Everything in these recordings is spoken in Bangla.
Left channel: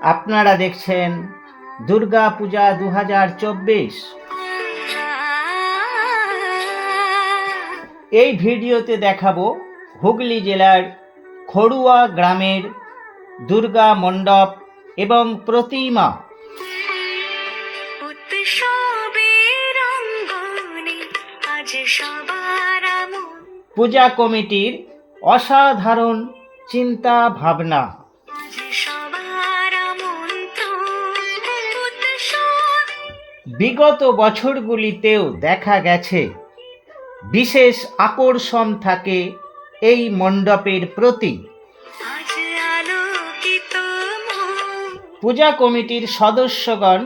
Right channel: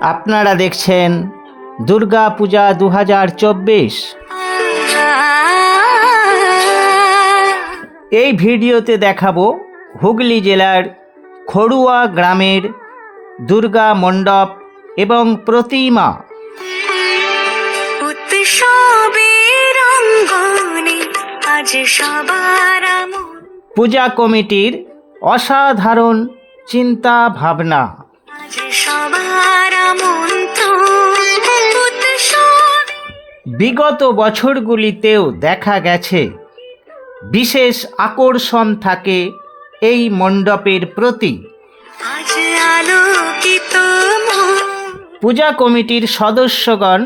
আপনারা দেখছেন দুর্গা পূজা দু হাজার চব্বিশ। এই ভিডিওতে দেখাবো হুগলি জেলার খড়ুয়া গ্রামের দুর্গা মণ্ডপ এবং প্রতিমা। পূজা কমিটির অসাধারণ চিন্তা ভাবনা। বিগত বছরগুলিতেও দেখা গেছে বিশেষ আকর্ষণ থাকে এই মণ্ডপের প্রতি। পূজা কমিটির সদস্যগণ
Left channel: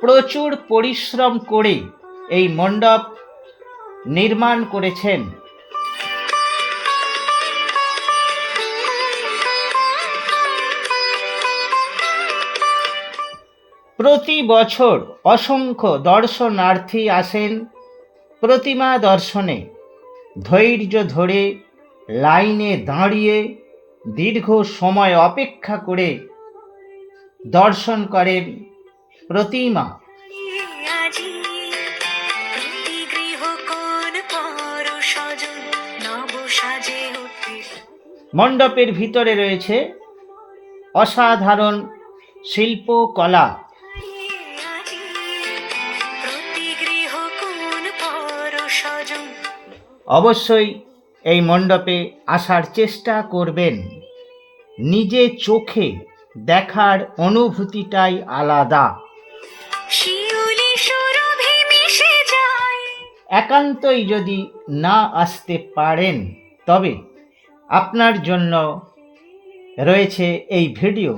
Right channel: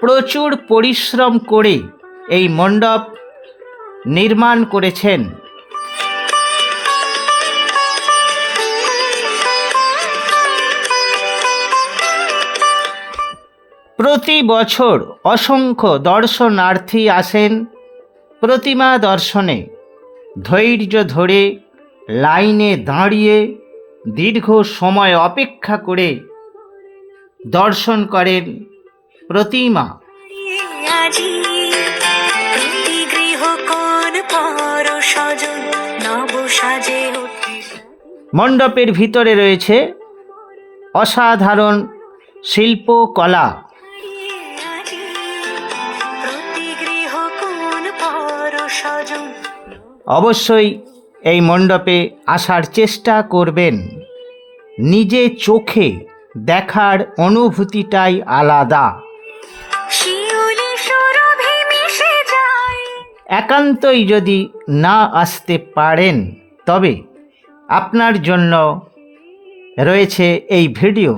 প্রচুর পরিশ্রম করে এই মণ্ডপ নির্মাণ করেছেন। প্রতি বছর অসংখ্য দর্শনার্থী আসেন প্রতিমা দর্শনে। ধৈর্য ধরে লাইনে দাঁড়িয়ে দীর্ঘ সময় অপেক্ষা করে দর্শন করেন প্রতিমা। মণ্ডপের ভিতরে রয়েছে অসাধারণ শিল্পকলা। অবশ্যই এই মণ্ডপে আসার চেষ্টা করবেন। নিজে চোখে দেখার অনুভূতিটাই আলাদা। একান্তই যদি না আসতে পারেন তবে আপনার জন্য রয়েছে এই ভিডিও।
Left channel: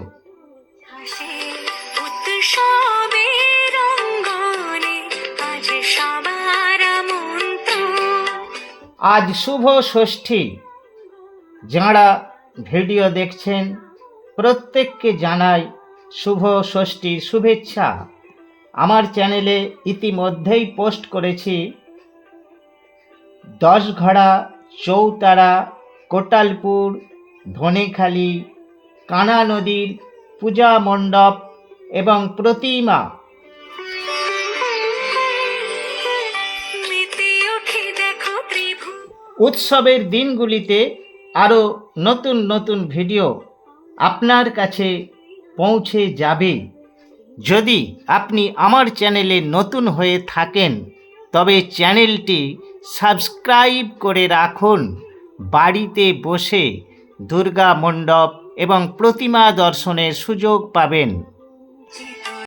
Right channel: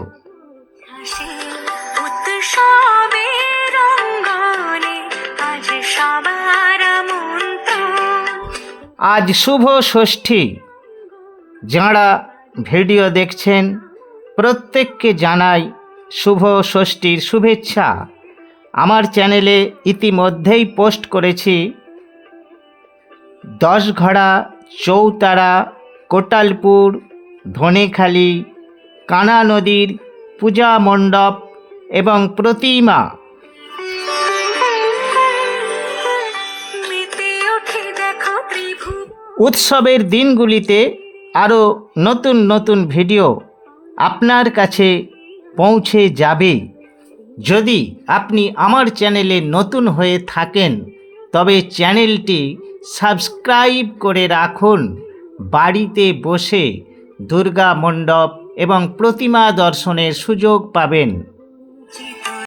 আজ শুভ ষষ্ঠী। যাঁরা ভিডিও দেখছেন, প্রত্যেককে জানাই শুভ ষষ্ঠীর শুভেচ্ছা। আমার চ্যানেলে ইতিমধ্যেই পোস্ট করেছি দশঘড়া, চৌতারা, কোটালপুর, ধনেখালি, কানা নদীর পূজা মণ্ডপ এবং প্রতিমা। উৎসবের দিনগুলিতে আরও নতুন নতুন ভিডিও আপনার কাছে পৌঁছে যাবে। যদি আপনি আমার চ্যানেলে নতুন হয়ে থাকেন, তবে চ্যানেলটি সাবস্ক্রাইব করে রাখুন। বাড়িতে বসে দুর্গা মণ্ডপ এবং প্রতিমা দর্শনের সুযোগ পাবেন।